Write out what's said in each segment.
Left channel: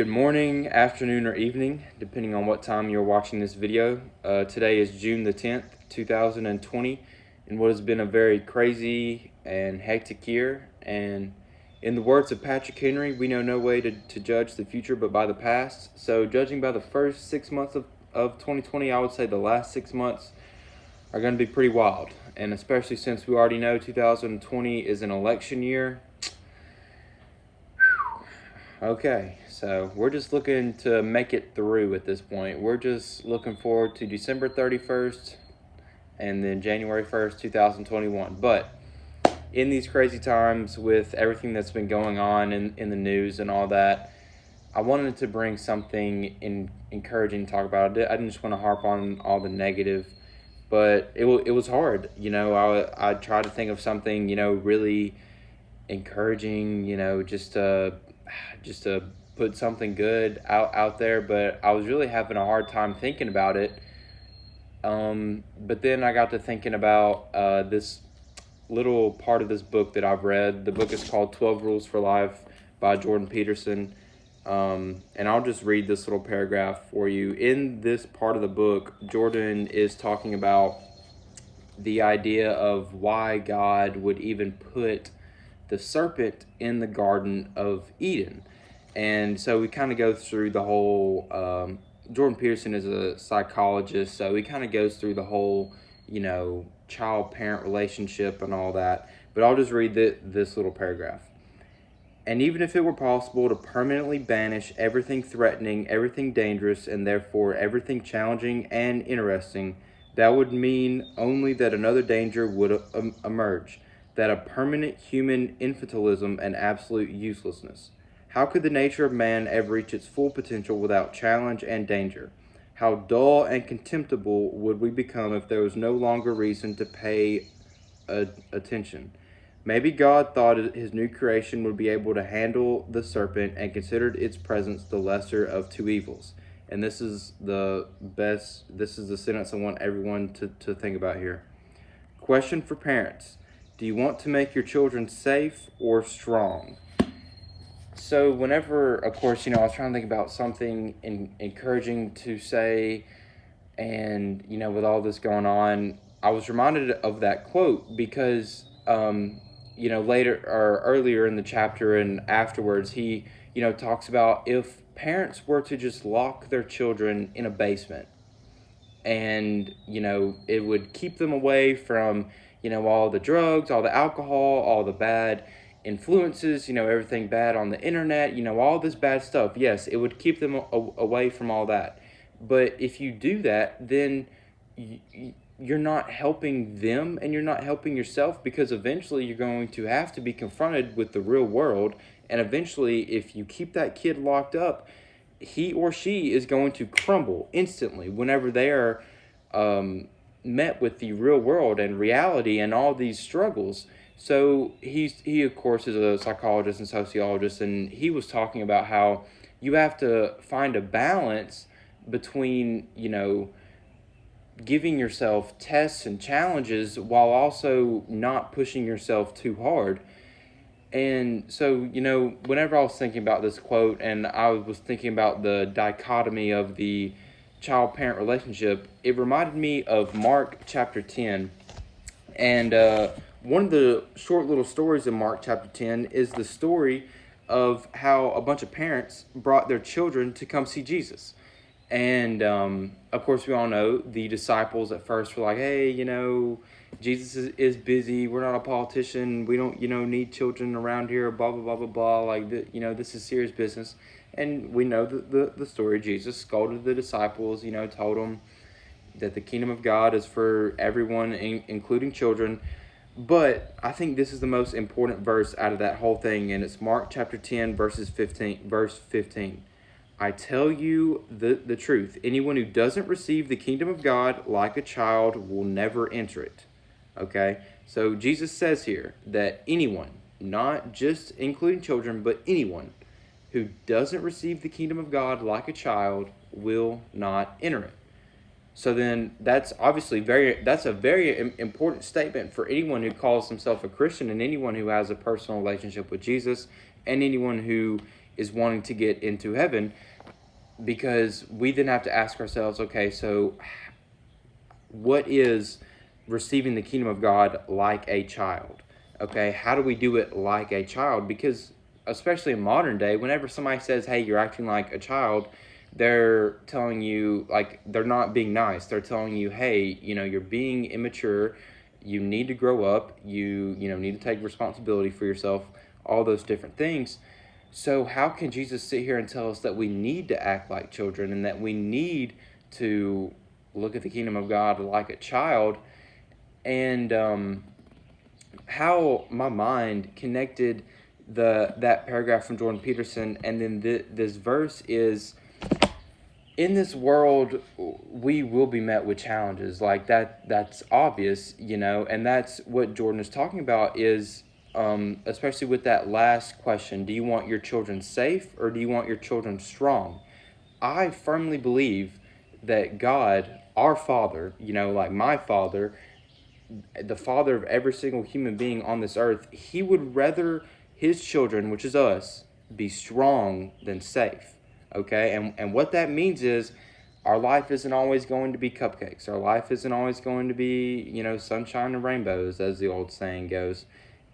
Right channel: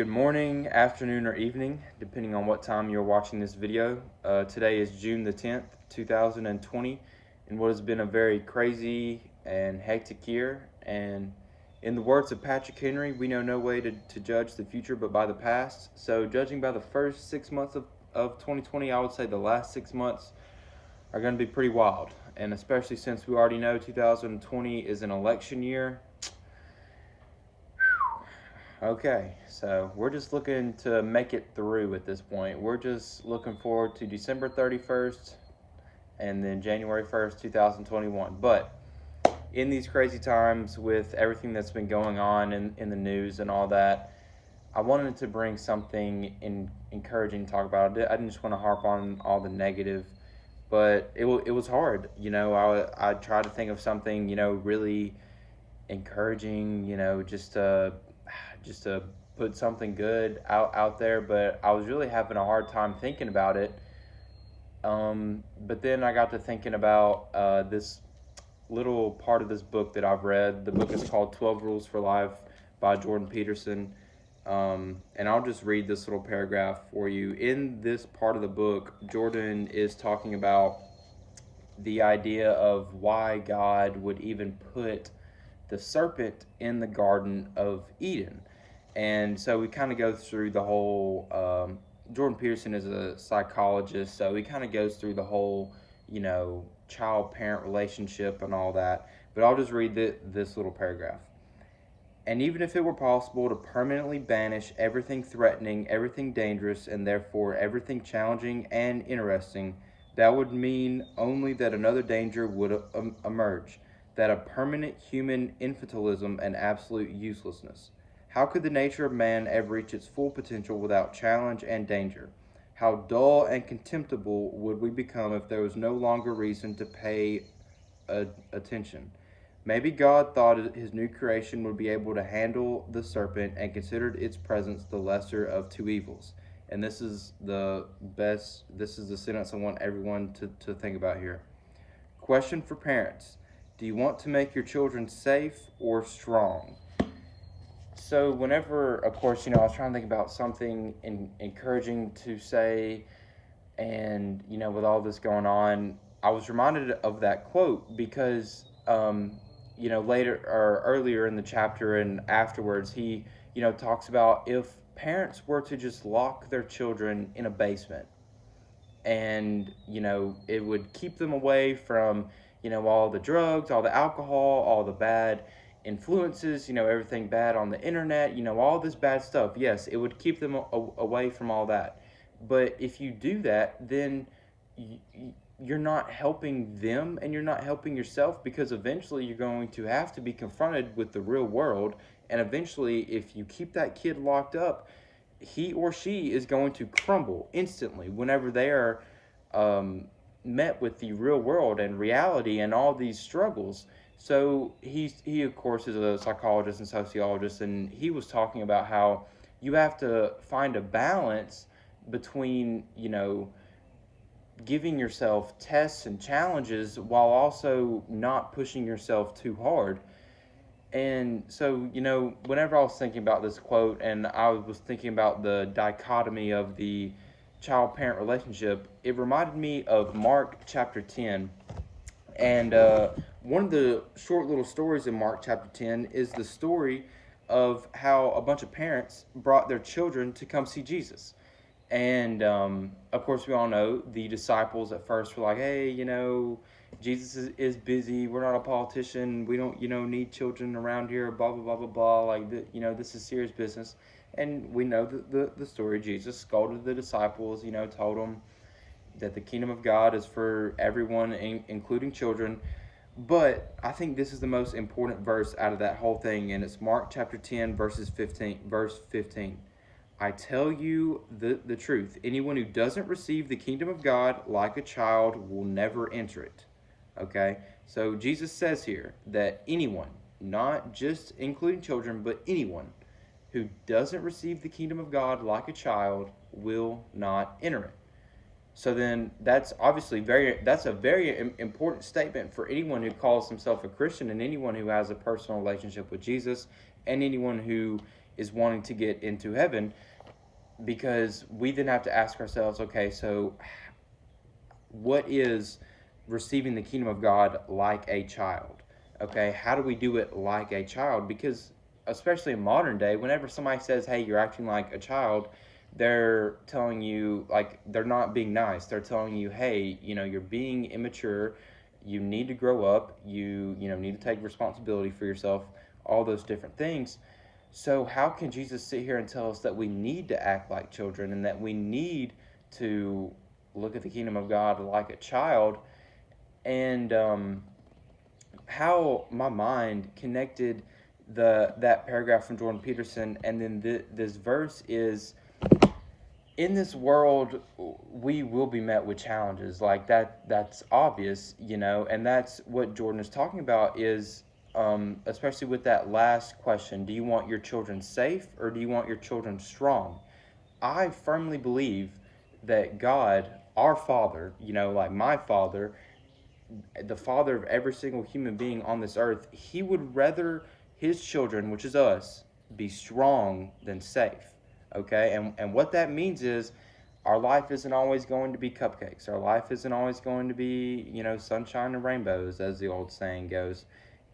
Good morning, afternoon, or evening, depending on what time you're watching this video. Today is June the 10th, 2020, in what has been a very crazy and hectic year. And in the words of Patrick Henry, we know no way to judge the future but by the past. So judging by the first 6 months of 2020, I would say the last 6 months are going to be pretty wild. And especially since we already know 2020 is an election year. Okay, so we're just looking to make it through at this point. We're just looking forward to December 31st and then January 1st, 2021. But in these crazy times with everything that's been going on in the news and all that, I wanted to bring something encouraging to talk about. I didn't just want to harp on all the negative, but it was hard. I tried to think of something, really encouraging, just to put something good out there, but I was really having a hard time thinking about it. But then I got to thinking about this little part of this book that I've read. The book is called 12 Rules for Life by Jordan Peterson. And I'll just read this little paragraph for you. In this part of the book, Jordan is talking about the idea of why God would even put the serpent in the Garden of Eden. And so we kind of go through the whole, Jordan Peterson is a psychologist, so he kind of goes through the whole, child-parent relationship and all that. But I'll just read this little paragraph. And even if it were possible to permanently banish everything threatening, everything dangerous, and therefore everything challenging and interesting, that would mean only that another danger would emerge, that of permanent human infantilism and absolute uselessness. How could the nature of man ever reach its full potential without challenge and danger? How dull and contemptible would we become if there was no longer reason to pay attention? Maybe God thought his new creation would be able to handle the serpent and considered its presence the lesser of two evils. And this is the sentence I want everyone to think about here. Question for parents. Do you want to make your children safe or strong? So whenever, of course, I was trying to think about something encouraging to say, and, with all this going on, I was reminded of that quote because, later or earlier in the chapter and afterwards, he, talks about if parents were to just lock their children in a basement and, it would keep them away from, all the drugs, all the alcohol, all the bad influences, everything bad on the internet, all this bad stuff. Yes, it would keep them away from all that. But if you do that, then you're not helping them and you're not helping yourself, because eventually you're going to have to be confronted with the real world. And eventually, if you keep that kid locked up, he or she is going to crumble instantly whenever they are met with the real world and reality and all these struggles. So he of course is a psychologist and sociologist, and he was talking about how you have to find a balance between, giving yourself tests and challenges while also not pushing yourself too hard. And so, whenever I was thinking about this quote and I was thinking about the dichotomy of the child-parent relationship, it reminded me of Mark chapter 10. And one of the short little stories in Mark chapter 10 is the story of how a bunch of parents brought their children to come see Jesus. And, of course, we all know the disciples at first were like, hey, Jesus is busy. We're not a politician. We don't, need children around here, blah, blah, blah, blah, blah. Like, this is serious business. And we know the story. Jesus scolded the disciples, told them that the kingdom of God is for everyone, including children. But I think this is the most important verse out of that whole thing, and it's Mark chapter 10, verse 15. I tell you the truth. Anyone who doesn't receive the kingdom of God like a child will never enter it. Okay? So Jesus says here that anyone, not just including children, but anyone who doesn't receive the kingdom of God like a child will not enter it. So then that's obviously that's a very important statement for anyone who calls himself a Christian and anyone who has a personal relationship with Jesus and anyone who is wanting to get into heaven, because we then have to ask ourselves, okay, so what is receiving the kingdom of God like a child? Okay, how do we do it like a child? Because especially in modern day, whenever somebody says, hey, you're acting like a child, they're telling you, like, they're not being nice. They're telling you, hey, you're being immature. You need to grow up. You need to take responsibility for yourself, all those different things. So how can Jesus sit here and tell us that we need to act like children and that we need to look at the kingdom of God like a child? And how my mind connected that paragraph from Jordan Peterson and then this verse is, in this world we will be met with challenges, like that's obvious, and that's what Jordan is talking about, is especially with that last question, do you want your children safe or do you want your children strong? I firmly believe that God, our Father, like my Father, the Father of every single human being on this earth, he would rather his children, which is us, be strong than safe. Okay? And what that means is our life isn't always going to be cupcakes. Our life isn't always going to be, sunshine and rainbows, as the old saying goes.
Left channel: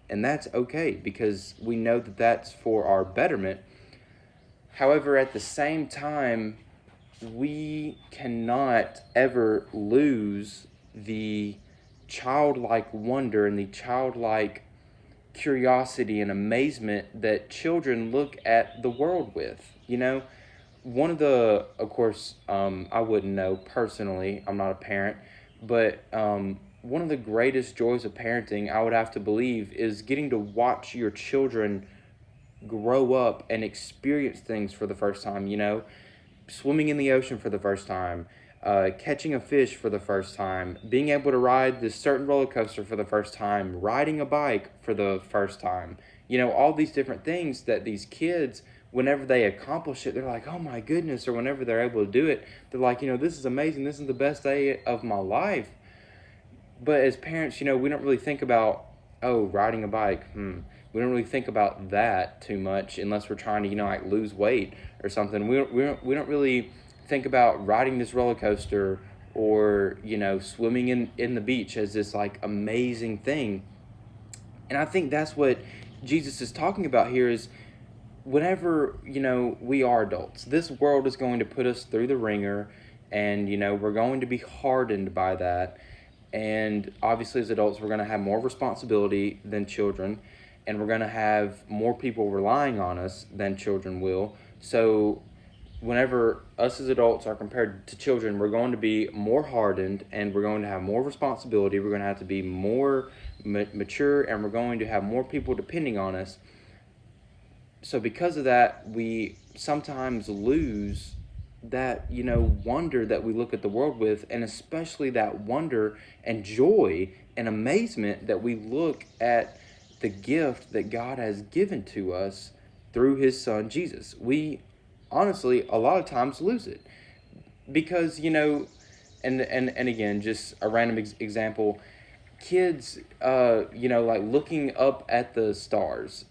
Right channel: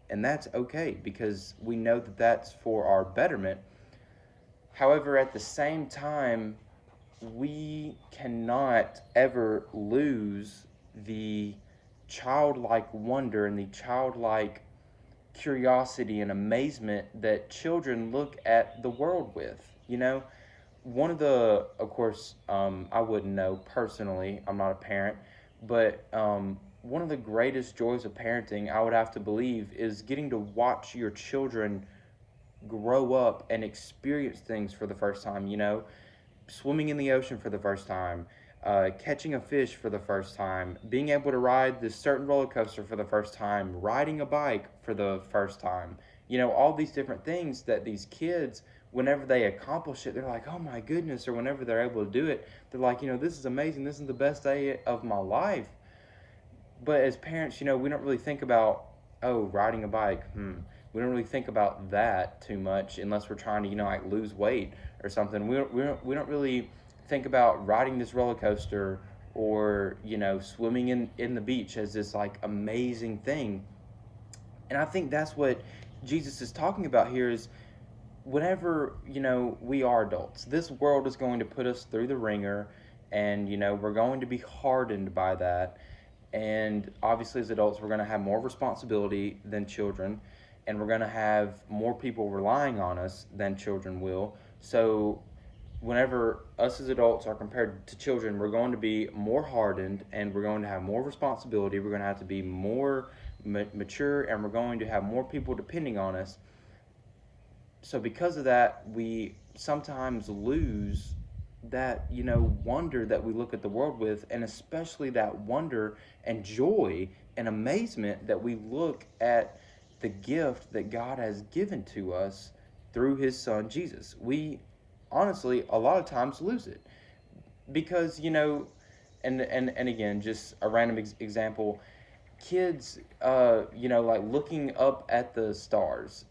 And that's okay, because we know that that's for our betterment. However, at the same time, we cannot ever lose the childlike wonder and the childlike curiosity and amazement that children look at the world with. One of the, of course, I wouldn't know personally, I'm not a parent, but one of the greatest joys of parenting, I would have to believe, is getting to watch your children grow up and experience things for the first time, swimming in the ocean for the first time, catching a fish for the first time, being able to ride this certain roller coaster for the first time, riding a bike for the first time, all these different things that these kids, whenever they accomplish it, they're like, oh my goodness, or whenever they're able to do it, they're like, this is amazing, this is the best day of my life. But as parents, we don't really think about, oh, riding a bike, we don't really think about that too much unless we're trying to, like lose weight or something. We don't really think about riding this roller coaster or, swimming in the beach as this like amazing thing. And I think that's what Jesus is talking about here is, whenever, we are adults, this world is going to put us through the ringer, and, we're going to be hardened by that. And obviously as adults, we're going to have more responsibility than children, and we're going to have more people relying on us than children will. So whenever us as adults are compared to children, we're going to be more hardened, and we're going to have more responsibility. We're going to have to be more mature, and we're going to have more people depending on us. So because of that, we sometimes lose that, wonder that we look at the world with, and especially that wonder and joy and amazement that we look at the gift that God has given to us through his son, Jesus. We honestly, a lot of times lose it because, and again, just a random example, kids, like looking up at the stars.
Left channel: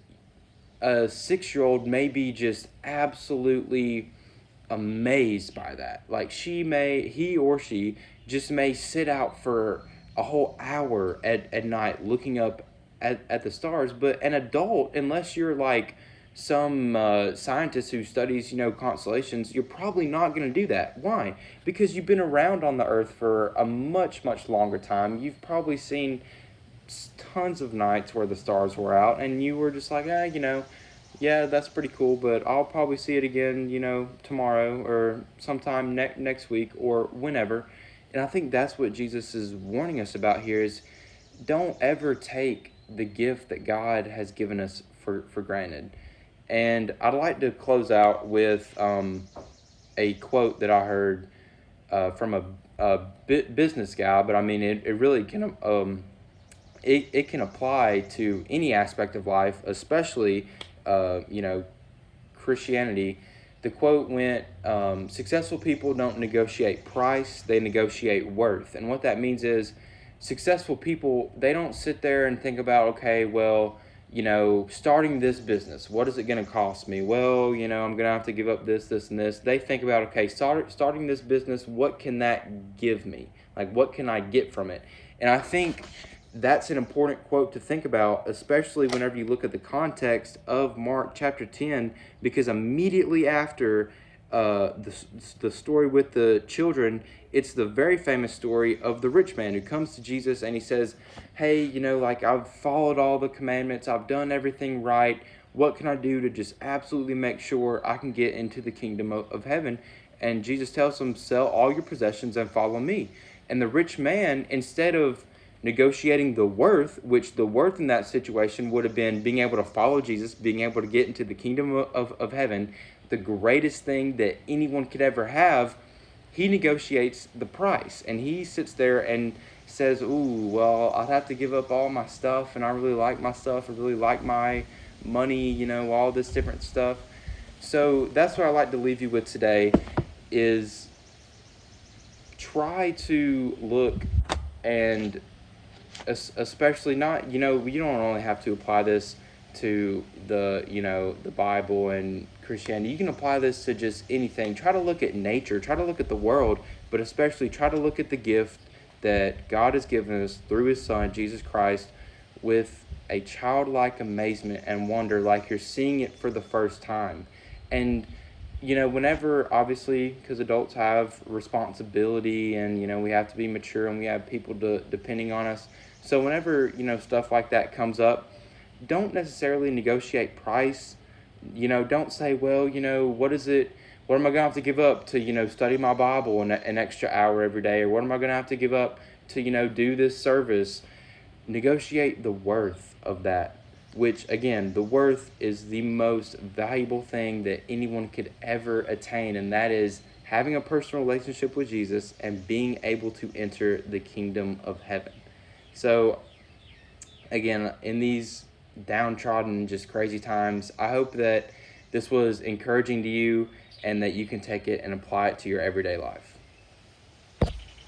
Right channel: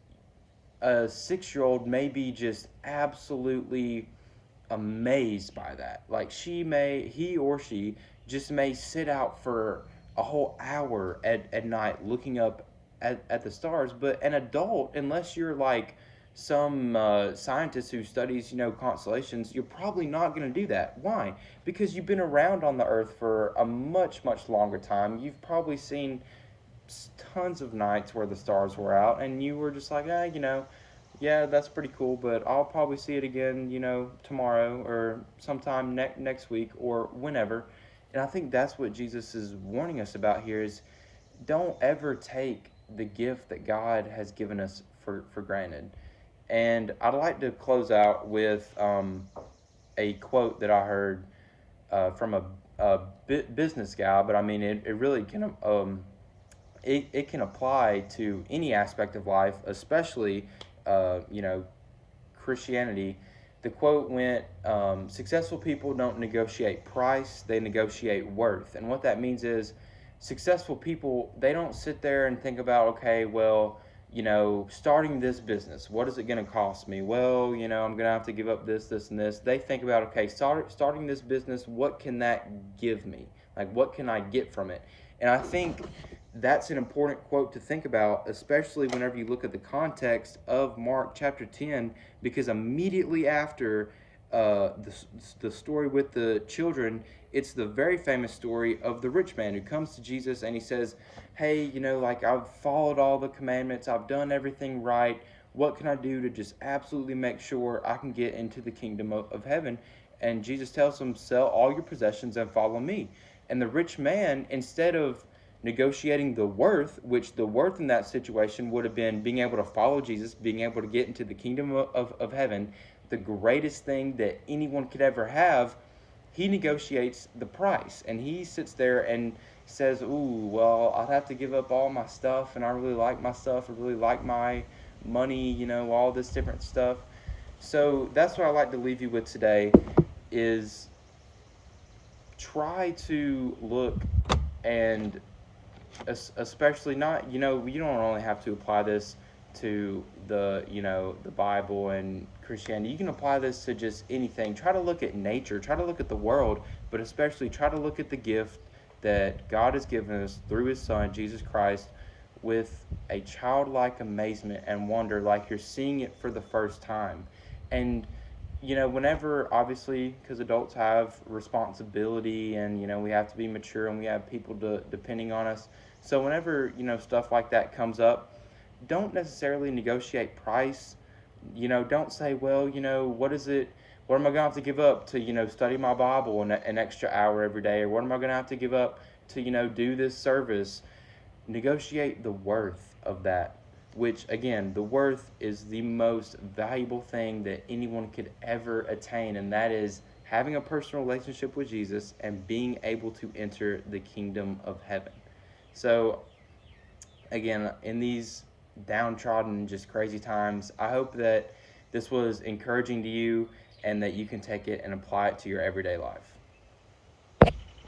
A 6-year-old may be just absolutely amazed by that. Like he or she just may sit out for a whole hour at night looking up at the stars. But an adult, unless you're like some scientist who studies, constellations, you're probably not going to do that. Why? Because you've been around on the earth for a much, much longer time. You've probably seen tons of nights where the stars were out, and you were just like, yeah, that's pretty cool, but I'll probably see it again, tomorrow or sometime next week or whenever. And I think that's what Jesus is warning us about here is, don't ever take the gift that God has given us for granted. And I'd like to close out with a quote that I heard from a business guy, but I mean, it really can it can apply to any aspect of life, especially Christianity. The quote went, successful people don't negotiate price, they negotiate worth. And what that means is, successful people, they don't sit there and think about, okay, well, starting this business, what is it going to cost me? Well, I'm going to have to give up this, this, and this. They think about, okay, starting this business, what can that give me? Like, what can I get from it? And I think that's an important quote to think about, especially whenever you look at the context of Mark chapter 10, because immediately after the story with the children, it's the very famous story of the rich man who comes to Jesus and he says, hey, like, I've followed all the commandments, I've done everything right. What can I do to just absolutely make sure I can get into the kingdom of heaven? And Jesus tells him, sell all your possessions and follow me. And the rich man, instead of negotiating the worth, which the worth in that situation would have been being able to follow Jesus, being able to get into the kingdom of heaven, the greatest thing that anyone could ever have, he negotiates the price. And he sits there and says, ooh, well, I'd have to give up all my stuff, and I really like my stuff, I really like my money, all this different stuff. So that's what I like to leave you with today, is try to look, and especially not, you don't only have to apply this to the Bible and Christianity. You can apply this to just anything. Try to look at nature, try to look at the world, but especially try to look at the gift that God has given us through his Son, Jesus Christ, with a childlike amazement and wonder, like you're seeing it for the first time. And whenever, obviously, because adults have responsibility and, we have to be mature and we have people depending on us. So whenever, stuff like that comes up, don't necessarily negotiate price. Don't say, well, what is it? What am I going to have to give up to, study my Bible an extra hour every day? Or what am I going to have to give up to, do this service? Negotiate the worth of that, which, again, the worth is the most valuable thing that anyone could ever attain, and that is having a personal relationship with Jesus and being able to enter the kingdom of heaven. So, again, in these downtrodden, just crazy times, I hope that this was encouraging to you and that you can take it and apply it to your everyday life.